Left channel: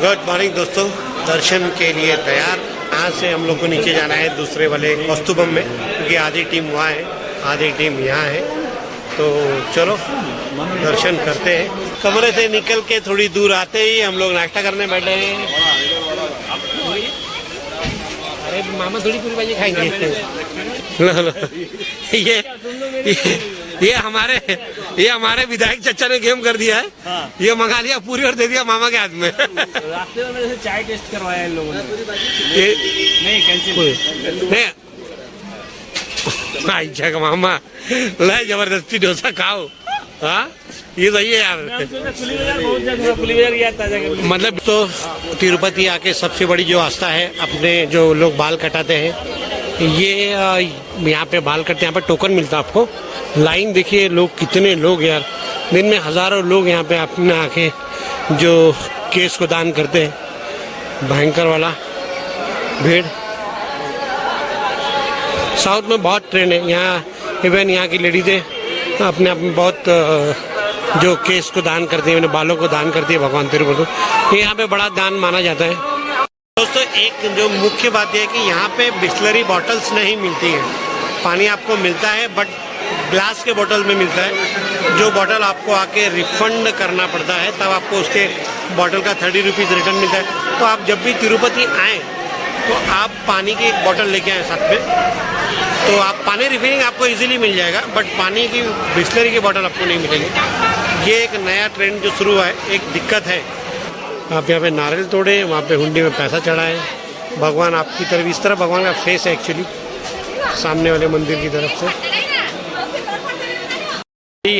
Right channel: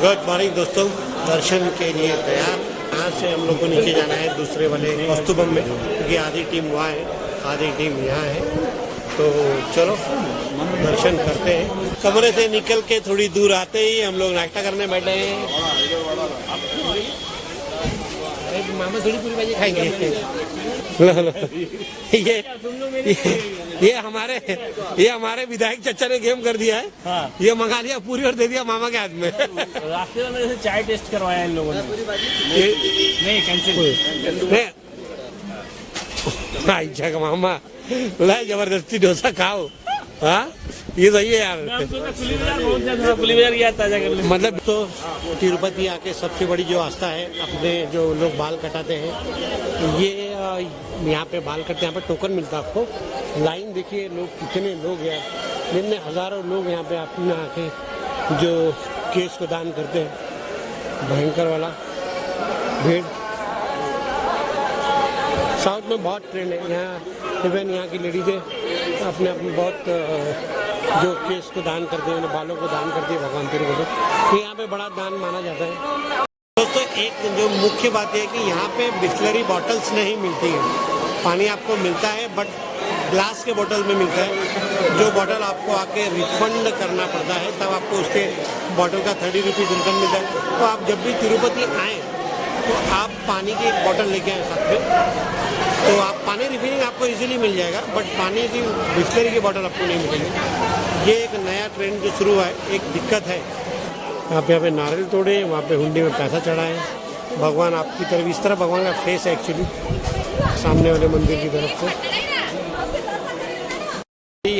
Good morning दोस्तों, दर्शन के लिए तैयार। यहाँ से हम लोग को नीचे जाना है दूसरे वाले कौस्तुभम में, क्योंकि आधी टीम वहाँ है, आधी टीम यहाँ है। तो चलो दर्शन करते हैं। कमरे से निकल के थोड़ी दूर आते ही हम लोग नाश्ता करने बैठे हैं। अरे मामा थोड़ी पूरी भाजी खाएंगे। ये हमारे विधायक चचा ने गेम कर दिया है। ये मंगा लिया पूरी और दे दिया मामा के हाथ में। रास्ते में चाय टेस्ट करवाया इन लोगों ने। नहीं कैंसिल नहीं। अच्छा मामा ला जबरदस्ती डोसा खाओ। हाँ ये सही है यार। मतलब तो तिरुपति आके सबसे बड़ी जो आस्था है, अपने जो लोग बाल कटाते हैं, ये यहाँ पे बाल कटते हैं। यहाँ पे टोकन मिलता है आपको। लाइन देखिए, लोग कितने लोग यार, दिन में हजारों लोग यहाँ पे अपने आके जो केस को दान करते हैं। भयंकर वाला भीड़। साउथ में बहुत ट्रेंड है यहाँ। इवन यहाँ की लेडीज़ें अपने आप में बहुत जो केस को दान करती है, अपने बालों को दान करती है भगवान तिरुपति। ये यहाँ पे बड़ा दान माना जाता है। दोस्तों एक जो मुख्य बात यह है कि यहाँ पे बिस्लरी बॉटल्स नहीं मिलती हैं। पानी आपको मिलता है बट ग्लास के बोतल में मिलता है। जो बोतल आपको आके रिफंड करना पड़ता है, तब आपको उसके बोतल का 30 रुपीज़ रिटर्न मिलता है। तो आप जब भी तिरुपति आएँ तो आप पानी की एक बोतल लेके आए साथ में, तो आप पानी रिफिलिंग आपको इजीली मिल जाएगा, बट पानी की बिस्लरी की बोतल आपको नहीं मिलेगी। ये एक नया ट्रेंड जो शुरू हुआ है। एक दिक्कत है, आप यहाँ पे नारियल तोड़े, वहाँ पे हुंडी में पैसा चढ़ाएं। भगवान आपकी तरफ, इस तरफ भगवान का फेस है एक्चुअली, सामने वाले मंदिर की तरफ से।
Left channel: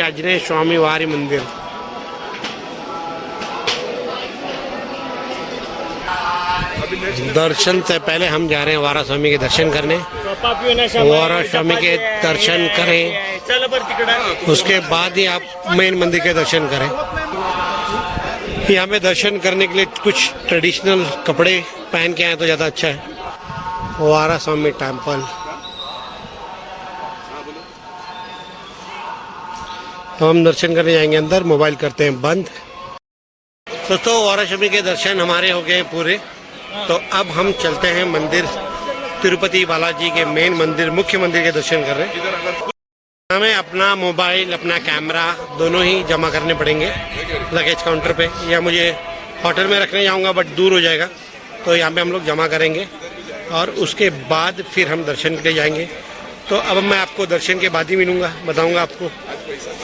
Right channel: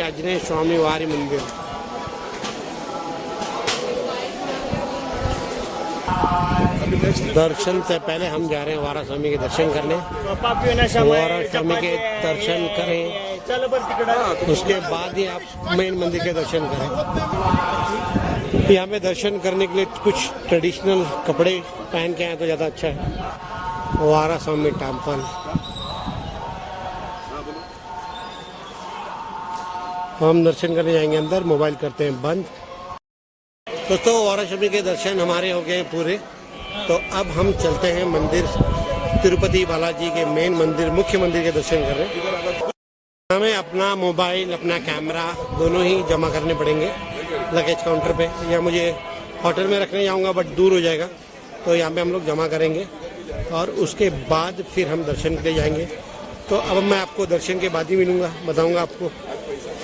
आंजनेय स्वामी वारी मंदिर। दर्शन से पहले हम जा रहे हैं वारा स्वामी के दर्शन करने। वारा स्वामी के दर्शन करें, उसके बाद ही आप मेन मंदिर के दर्शन करें। यहाँ पे दर्शन करने के लिए कुछ ट्रेडिशनल कपड़े पहन के आए तो ज़्यादा अच्छा है। वारा स्वामी टेम्पल। तो हम दर्शन करने जाएंगे अंदर, मोबाइल करते हैं बंद। दोस्तों वारा स्वामी के दर्शन हमारे हो गए पूरे। तो अब हम चलते हैं मंदिर, तिरुपति बालाजी के मेन मंदिर, मुख्य मंदिर के दर्शन कर रहे हैं। हमें अपना मोबाइल, अपना कैमरा दोनों ही जमा करने पड़ेंगे लगेज काउंटर पे, या मुझे होटल में रखने जाऊंगा बट दूर हो जाएगा, तो यहाँ पे हम लोग जमा करेंगे और उसके बाद फिर हम दर्शन के लिए जाएंगे। तो अब मैं आपको दर्शन के बाद ही मिलूँगा, बताऊँगा आपको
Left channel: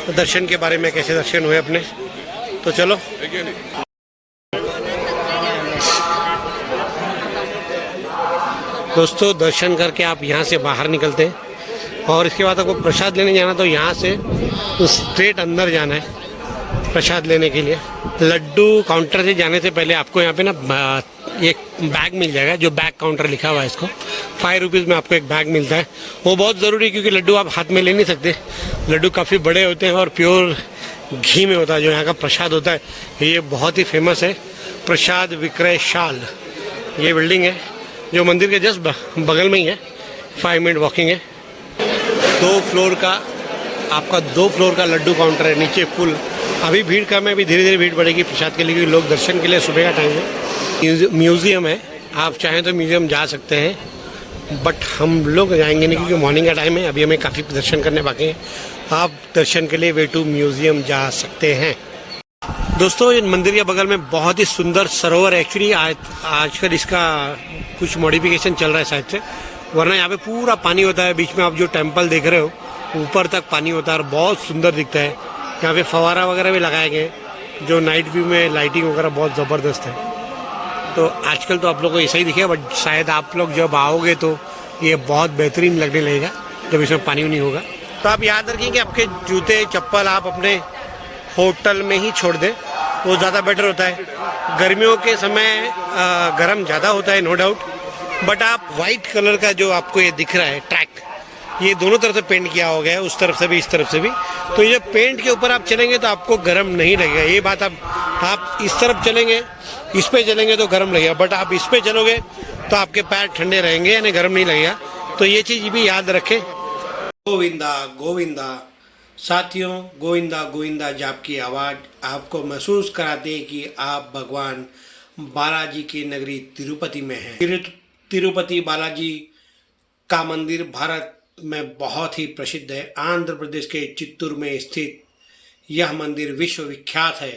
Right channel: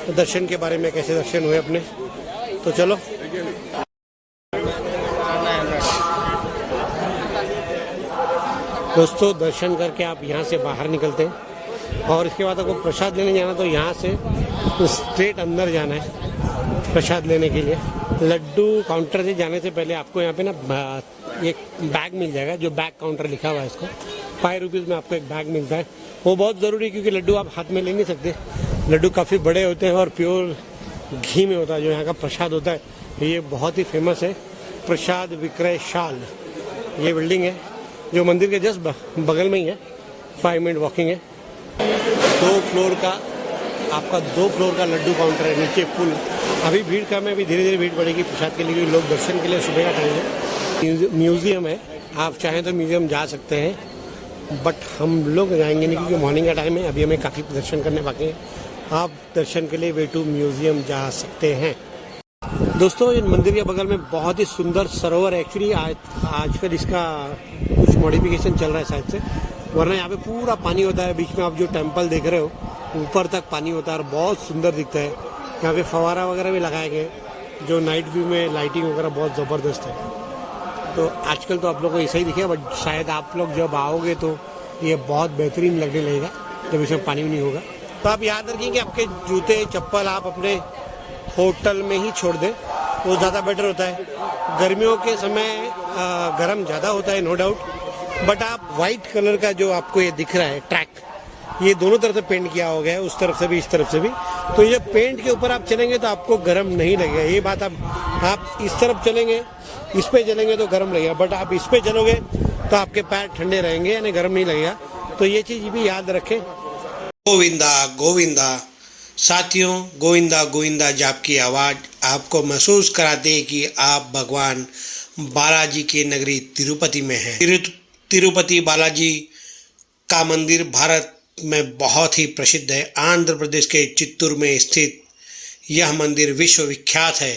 तो दर्शन के बारे में, कैसे दर्शन हुए अपने। तो चलो दोस्तों, दर्शन करके आप यहाँ से बाहर निकलते हैं और इसके बाद आपको प्रसाद लेने जाना, तो यहाँ से स्ट्रेट अंदर जाना है प्रसाद लेने के लिए। लड्डू काउंटर से जाने से पहले आपको यहाँ पे ना एक बैग मिल जाएगा, जो बैग काउंटर लिखा हुआ है, इसको 5 रुपीज़ में आपको एक बैग मिलता है। वो बहुत ज़रूरी है क्योंकि लड्डू आप हाथ में ले नहीं सकते। लड्डू काफ़ी बड़े होते हैं और प्योर घी में होता है। जो यहाँ का प्रसाद होता है ये बहुत ही फेमस है। प्रसाद विक्रय शाल, ये बिल्डिंग है जो मंदिर के जस्ट बगल में ही है, 5 मिनट वॉकिंग है। 2 फ्लोर का आपका 2 फ्लोर का लड्डू काउंटर है, नीचे फुल। अभी भीड़ कम है, अभी धीरे धीरे भीड़ बढ़ेगी प्रसाद के लिए, क्योंकि लोग दर्शन के लिए सुबह का टाइम है। म्यूज़ियम है, आप चाहें तो म्यूज़ियम जा सकते हैं, बट हम लोग जाएंगे नहीं क्योंकि मॉर्निंग का टाइम है। अभी हमें काफ़ी दर्शन करने बाकी हैं। आप दर्शन के लिए वे टू म्यूज़ियम जा सकते हैं। दोस्तों इन मंदिर के बगल में बहुत ही सुंदर सरोवर है। एक्चुअली आजकल इसका कुछ मॉडिफिकेशन चल रहा है शायद से, वरना यहाँ पे पूरा पानी होता है। बीच में आप जो टेम्पल देख रहे हो ऊपर तक पानी होता है और बहुत सुंदर दिखता है। यहाँ पे फवारा वगैरह भी लगाए गए, जो नाइट व्यू में लाइटिंग वगैरह बहुत ज़बरदस्त है। तो आजकल तो आप लोगों को ऐसा ही दिखेगा, बट शायद आप लोग जब आओगे तो ये बहुत बेहतरीन लगने लगेगा जब इसमें पानी नहीं होगा। तो आप याद रखिए कि आपके जूते चप्पल आप अपने होटल में ही छोड़ दें, वो ज़्यादा बेटर होता है। गर्मियों के समय गर्म ज़्यादा होता है नो डाउट, बट आप वाइट कलर का जो आपको ये दिख रहा है ट्रैक, ये दोनों तरफ से पेंट किया हो गया है, उस तरफ से भी इस तरफ से भी। तो ये पेंट के ऊपर आप चलेंगे तो आपको गर्म नहीं लगेगा। ये बात आप इस तरफ चलेंगे, इस पे चलेंगे तो गर्म लगेगा, बट आप इस पे चलोगे तो आपके पैर ठंडे रहेंगे, यानी गर्म नहीं लगेगा। तो ये चीज़ भी याद रखें। गोविंदा गोविंदा साथियों, गोविंदा गोविंदा जाप की आवाज़ आपको महसूस कराते हैं कि आप भगवान बालाजी की नगरी तिरुपति में है। तिरुपति बालाजी का मंदिर भारत में बहुत ही प्रसिद्ध है। आंध्र प्रदेश के चित्तूर में स्थित यह मंदिर विश्व विख्यात है।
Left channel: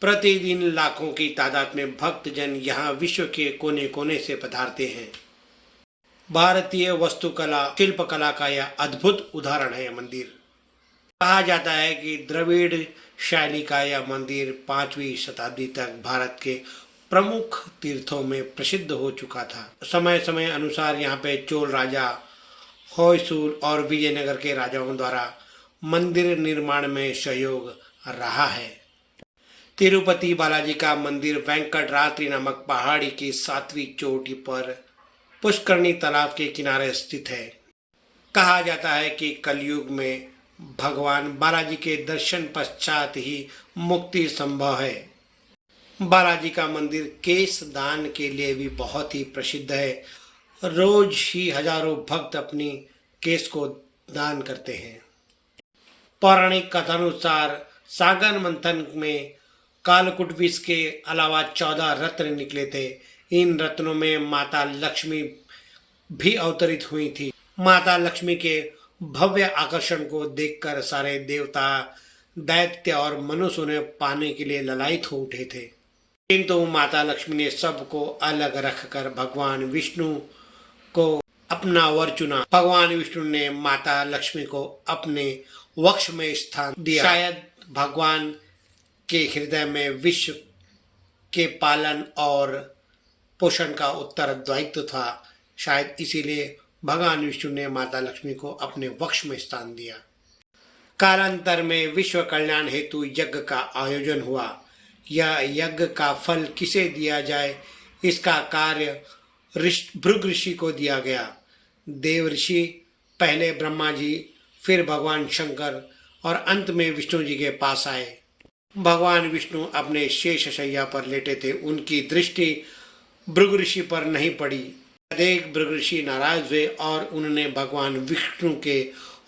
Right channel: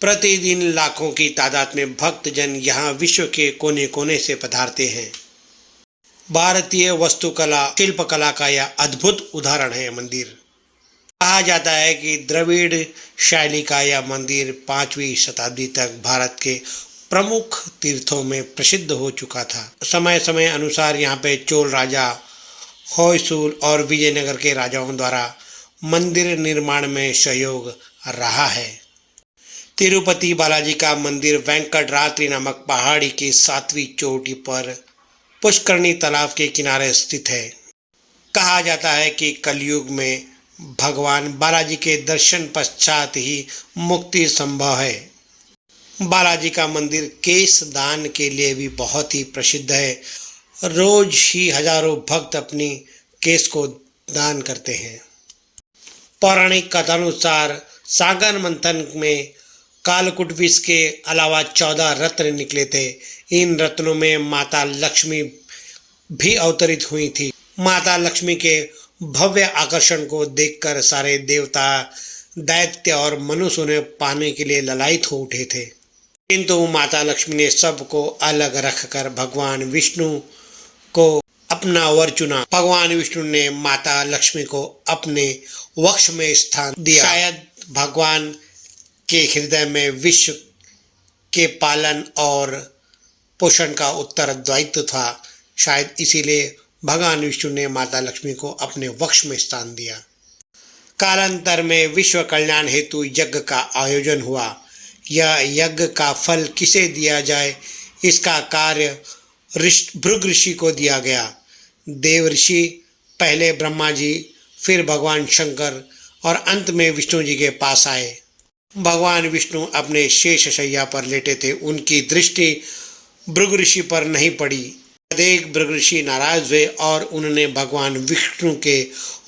प्रतिदिन लाखों की तादाद में भक्तजन यहाँ विश्व के कोने कोने से पधारते हैं। भारतीय वास्तुकला शिल्पकला का यह अद्भुत उदाहरण है। मंदिर कहा जाता है कि द्रविड़ शैली का यह मंदिर 5वीं शताब्दी तक भारत के प्रमुख तीर्थों में प्रसिद्ध हो चुका था। समय समय अनुसार यहाँ पे चोल राजा, होयसुल और विजयनगर के राजाओं द्वारा मंदिर निर्माण में सहयोग रहा है। तिरुपति बालाजी का मंदिर वेंकटरात्रि नामक पहाड़ी की 7वीं चोटी पर पुष्करणी तालाब के किनारे स्थित है। कहा जाता है कि कलयुग में भगवान बालाजी के दर्शन पश्चात ही मुक्ति संभव है। बालाजी का मंदिर केश दान के लिए भी बहुत ही प्रसिद्ध है। रोज ही हजारों भक्त अपनी केश को दान करते हैं। पौराणिक कथानुसार सागर मंथन में कालकूट विष के अलावा 14 रत्न निकले थे। इन रत्नों में माता लक्ष्मी भी अवतरित हुई थी। माता लक्ष्मी के भव्य आकर्षण को देखकर सारे देवता, दैत्य और मनुष्य उन्हें पाने के लिए ललायित हो उठे थे, किंतु माता लक्ष्मी ने सबको अलग रखकर भगवान विष्णु को अपना वर चुना। भगवान विष्णु ने माता लक्ष्मी को अपने वक्ष में स्थान दिया। शायद भगवान के हृदय में विश्व के पालन और पोषण का उत्तरदायित्व था। शायद इसीलिए भगवान विष्णु ने माता लक्ष्मी को अपने वक्ष में स्थान दिया। कालांतर में विश्व कल्याण हेतु यज्ञ का आयोजन हुआ। यह यज्ञ का फल किसे दिया जाए, इसका कार्य भृगु ऋषि को दिया गया। देव ऋषि पहले ब्रह्मा जी, फिर भगवान शंकर और अंत में विष्णु जी के पास आए। भगवान विष्णु अपने शेष शैया पर लेटे थे। उनकी दृष्टि भृगु ऋषि पर नहीं पड़ी। देख भृगु ऋषि नाराज हुए और उन्होंने भगवान विष्णु के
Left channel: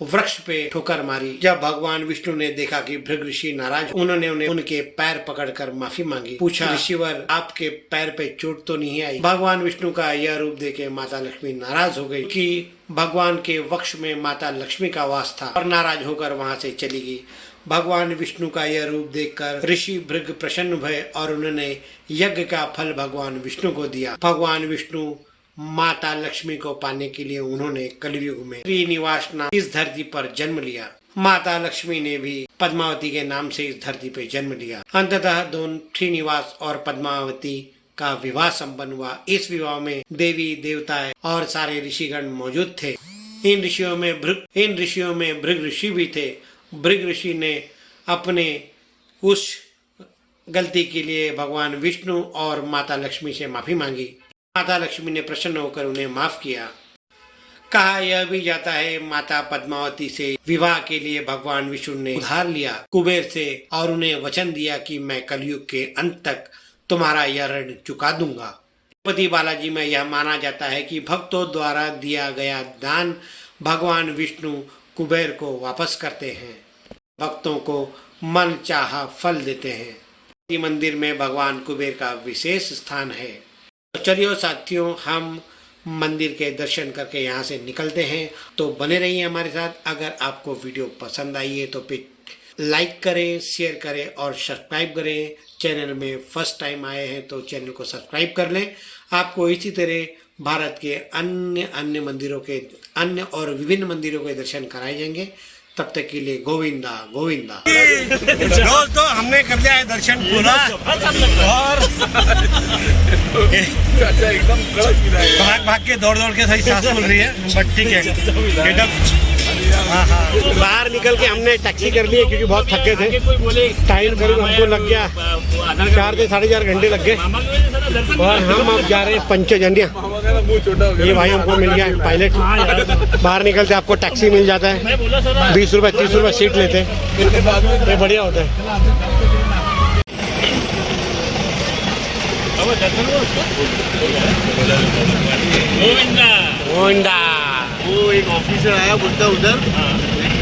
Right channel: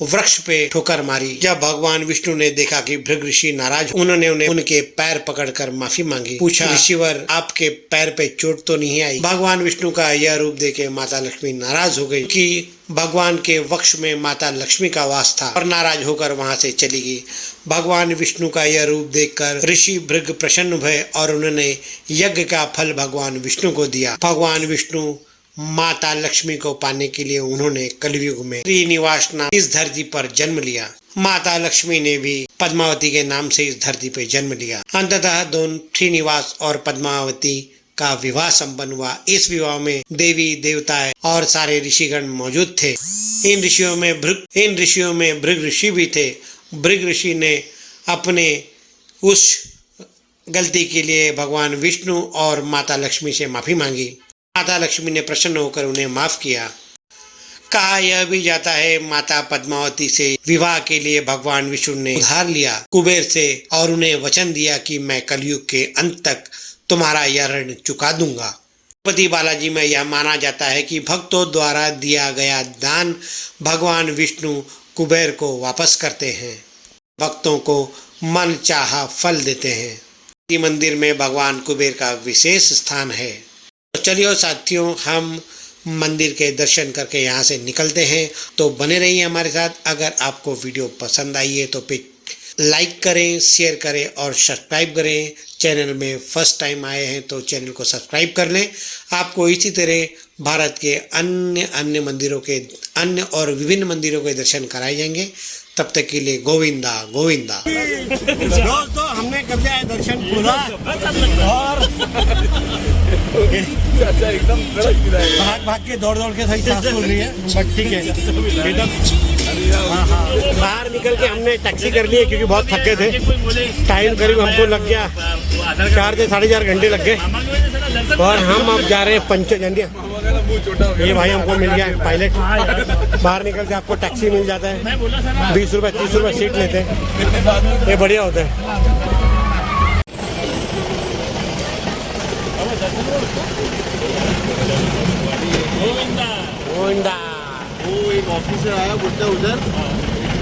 वृक्ष पे ठोकर मारी। जब भगवान विष्णु ने देखा कि भृगु ऋषि नाराज, उन्होंने उनके पैर पकड़कर माफी मांगी। पूछा, ऋषिवर आपके पैर पे चोट तो नहीं आई? भगवान विष्णु का यह रूप देखे माता लक्ष्मी नाराज हो गई कि भगवान के वक्ष में माता लक्ष्मी का वास था और नाराज होकर वहां से चली गई। भगवान विष्णु का यह रूप देखकर ऋषि भृगु प्रसन्न हुए और उन्होंने यज्ञ का फल भगवान विष्णु को दिया। भगवान विष्णु माता लक्ष्मी को पाने के लिए उन्होंने कलयुग में श्रीनिवास नाम इस धरती पर जन्म लिया। माता लक्ष्मी ने भी पद्मावती के नाम से इस धरती पर जन्म लिया। अंततः दोनों श्रीनिवास और पद्मावती का विवाह संपन्न हुआ। इस विवाह में देवी देवता और सारे ऋषिगण मौजूद थे। इन ऋषियों में भृगु ऋषि भी थे। भृगु ऋषि ने अपने उस गलती के लिए भगवान विष्णु और माता लक्ष्मी से माफी मांगी। माता लक्ष्मी ने प्रसन्न होकर उन्हें माफ किया। कहा यह भी जाता है माता पद्मावती से विवाह के लिए भगवान विष्णु ने उधार लिया कुबेर से और उन्हें वचन दिया कि मैं कलयुग के अंत तक तुम्हारा यह ऋण चुका दूंगा। तिरुपति बालाजी में यह माना जाता है कि भक्तों द्वारा दिया गया दान भगवान विष्णु कुबेर को वापस करते हैं, भक्तों को मन चाहा फल देते हैं। इस मंदिर में भगवान कुबेर का विशेष स्थान है। तो चलिए साथियों, हम मंदिर के दर्शन करके यहाँ से निकलते हैं। तो बने रहिए हमारे साथ। अगर आपको वीडियो पसंद आई है तो फिर लाइक करें, शेयर करें और सब्सक्राइब करें। चैनल में फर्स्ट टाइम आए हैं तो चैनल को सब्सक्राइब कर लें। आपको इसी तरह भारत के अन्य मंदिरों के और विभिन्न मंदिरों के दर्शन कराए जाएंगे। तब तक के लिए गोविंदा गोविंदा। दोस्तों, हमने कर लिया है दर्शन पूरा और एकदम भाग के दौड़ के सही सांस फूल रही है, बट ठीक है। हाँ, बाहर निकल के हमने टैक्सी कर ली है क्योंकि बहुत थके थे। टाइम करीब हमको लग गया 4 से 4.5 घंटे लग गए और हम अब जा रहे हैं पंचजन्य। ये भाई हमको मिल गया है पायलट। बाहर निकलते आपको टैक्सी मिल जाता है, 20 रुपये 30 रुपये सीट लेते हैं। ये बढ़िया होता है। गोविंदा। वो एक ऑफिसर आया बुड्ढा उधर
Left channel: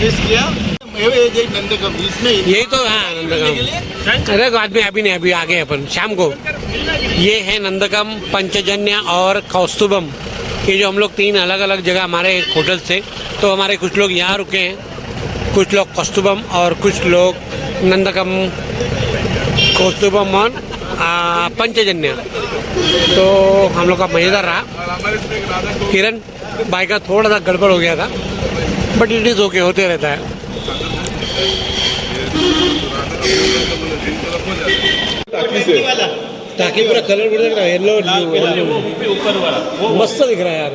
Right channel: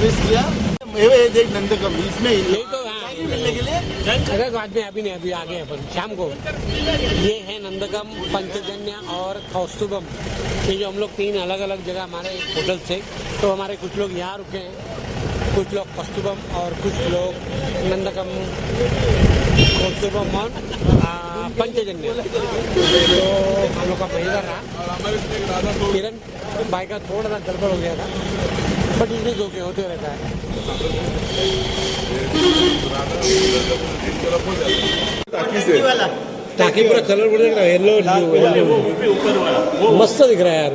किया ये देख नंदकम इसमें यही तो हाँ नंदकम। अरे बाद में अभी नहीं, अभी आगे अपन शाम को। ये है नंदकम, पंचजन्य और कौस्तुभम। ये जो हम लोग 3 अलग अलग जगह हमारे होटल से, तो हमारे कुछ लोग यहाँ रुके हैं, कुछ लोग कौस्तुभम और कुछ लोग नंदकम, कौस्तुभम और पंचजन्य। तो हम लोग का मजेदार रहा। किरण भाई का थोड़ा सा गड़बड़ हो गया था, बट इट इज ओके, होते रहता है। ताकि पूरा कलर पूरा दिख रहा है, येलो मस्त दिख रहा है यार,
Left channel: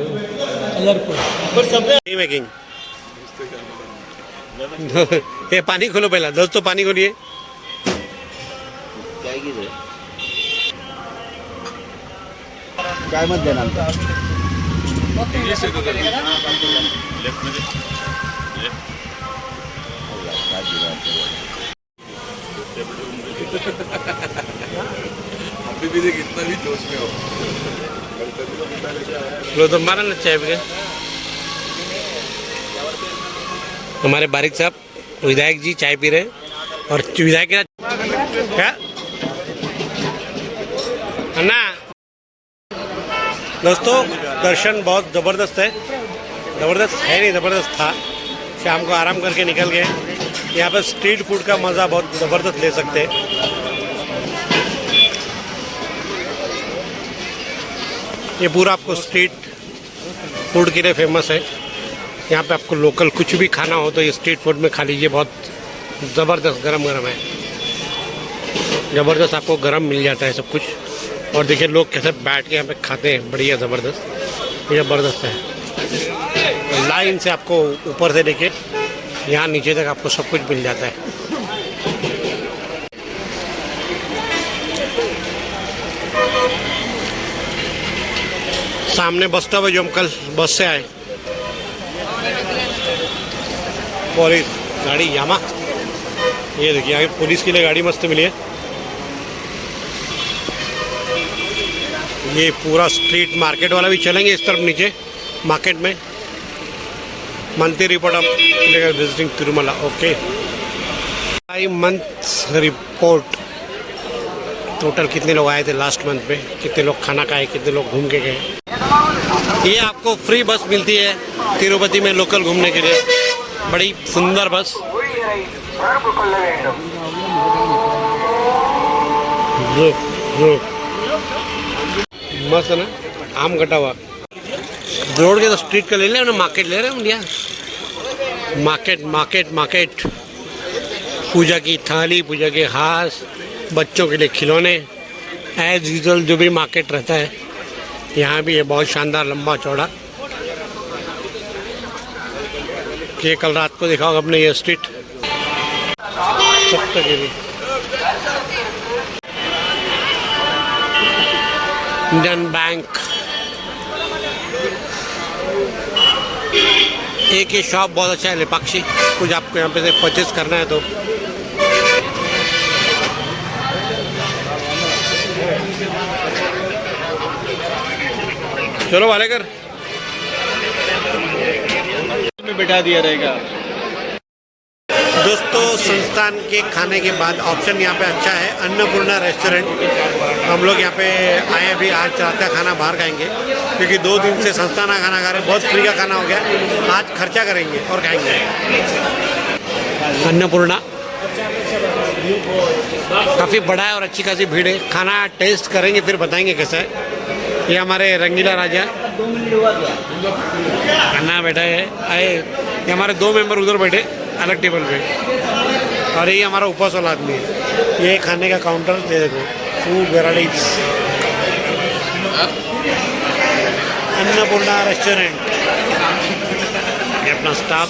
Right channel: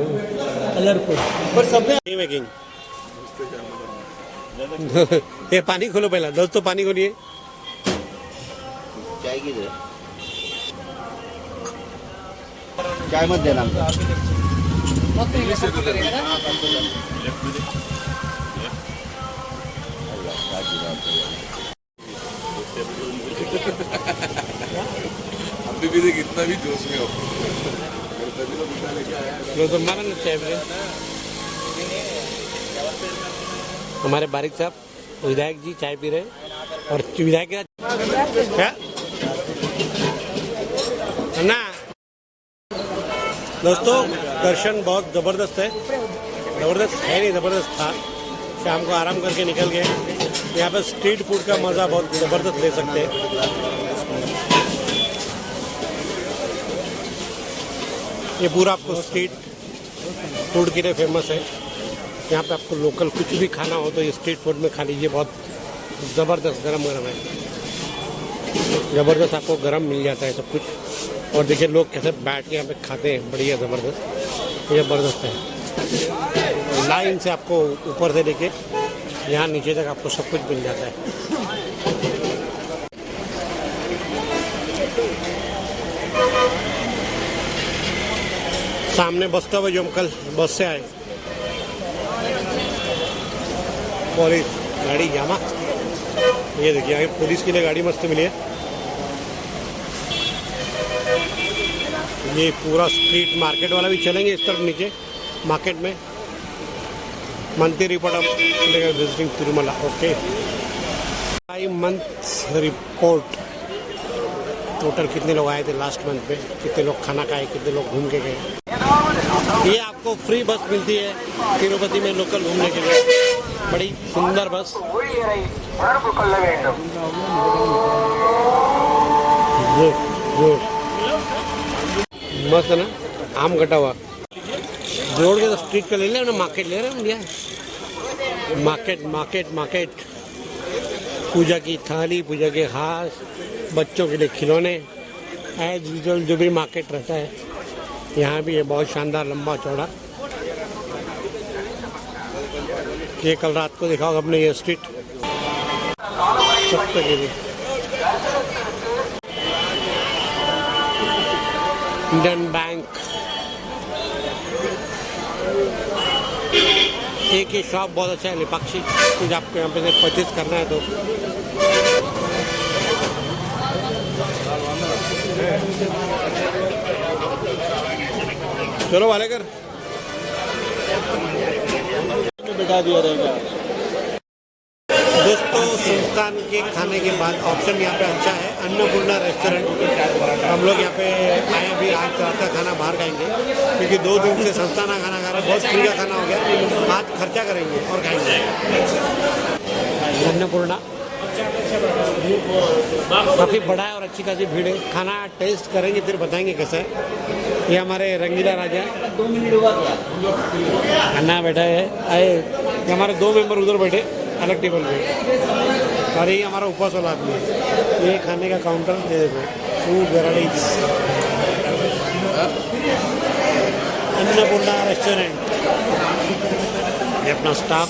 कलरफुल मेकिंग। ये पानी खोलो पहला दोस्तों, पानी खोलिए। चाय मत देना अभी भी देख कितना भी जोश में हो। लो तो मारा ना चाय पे। हमारे बारिक साहब विधायक जी चाय पी रहे हैं, और विधायक क्या अन्ना। दोस्तों दर्शन बहुत ज़बरदस्त है, ज़बरदस्त है नहीं ज़बरदस्त था। शाम को आराम करके निकल गए। यहाँ पर स्ट्रीट फूड का मज़ा बहुत ज़बरदस्त ले सकते हैं। ये पूरा आपको स्ट्रीट फूड के लिए फेमस है। यहाँ पे आपको लोकल कुछ भी खाना हो तो ये स्ट्रीट फूड में खा लीजिए, बहुत ज़बरदस्त गरम गरम है, ज़बरदस्त आपको गरम मिल जाता है सब कुछ। और देखिए लोग कैसे बैठ के यहाँ पे खाते हैं, बढ़िया ज़बरदस्त, ये ज़बरदस्त है। लाइन से आपको ऊपर से लेके यहाँ नीचे तक आपको सब कुछ मिल जाता है। सामने बस स्टॉप है जो हम कल बस से आए, पुलिस गाड़ी यामा। ये देखिए आगे पुलिस के लिए गाड़ी मस्त मिली है। ये पूरा स्ट्रीट मार्केट वाला भी चलेंगे इस तरफ नीचे मार्केट में। Monthly report of visiting Tirumala, okay. 5 month report, total कितने लोग आए थे लास्ट मंथ में, कितने लोग खाना खाए, कितने लोग घूम के गए। ये आपको फ्री बस मिलती है तिरुपति में लोकल घूमने के लिए, बड़ी सुंदर बस। मस्त है ना, आम कटा हुआ। जोड़ के तो स्ट्रीट का ले ले ना, मार्केट ले रहे हैं भैया। मार्केट मार्केट मार्केट, पूजा की थाली, पूजा के हाथ, बच्चों के लिए खिलौने, एज यूजुअल जो भी मार्केट रहता है यहाँ भी है। बहुत शानदार लंबा चौड़ा। ये कल रात को देखा होगा अपने ये स्ट्रीट सप्तगिरी। इंडियन बैंक, एक ये शॉप बहुत अच्छा है लेपाक्षी, कुछ आपको यहाँ पे से परचेज करना है तो। चलो वालेकर में बिठा दिया रहेगा। दोस्तों संस्थान के खाने के बाद ऑप्शन यहाँ पे अच्छा है, अन्नपूर्णा रेस्टोरेंट। हम लोग यहाँ पे आए अभी, आज रात का खाना बाहर खाएंगे क्योंकि 2 दिन से संस्थान का खाना खा रहे, बहुत फ्री का खाना हो गया। आज खर्चा करेंगे और खाएंगे। अन्नपूर्णा काफ़ी बड़ा है और अच्छी खासी भीड़ है। खाना टेस्ट करेंगे फिर बताएंगे कैसा है। ये हमारे रंगीला राजा खाना बैठा है आए। ये हमारे 2 मेंबर उधर बैठे अलग टेबल पे, और ये हमारा उपवास वाला आदमी है। ये खाने का काउंटर दे देखो, फूड वेराइटीज, अन्नपूर्णा रेस्टोरेंट। ये अपना स्टाफ।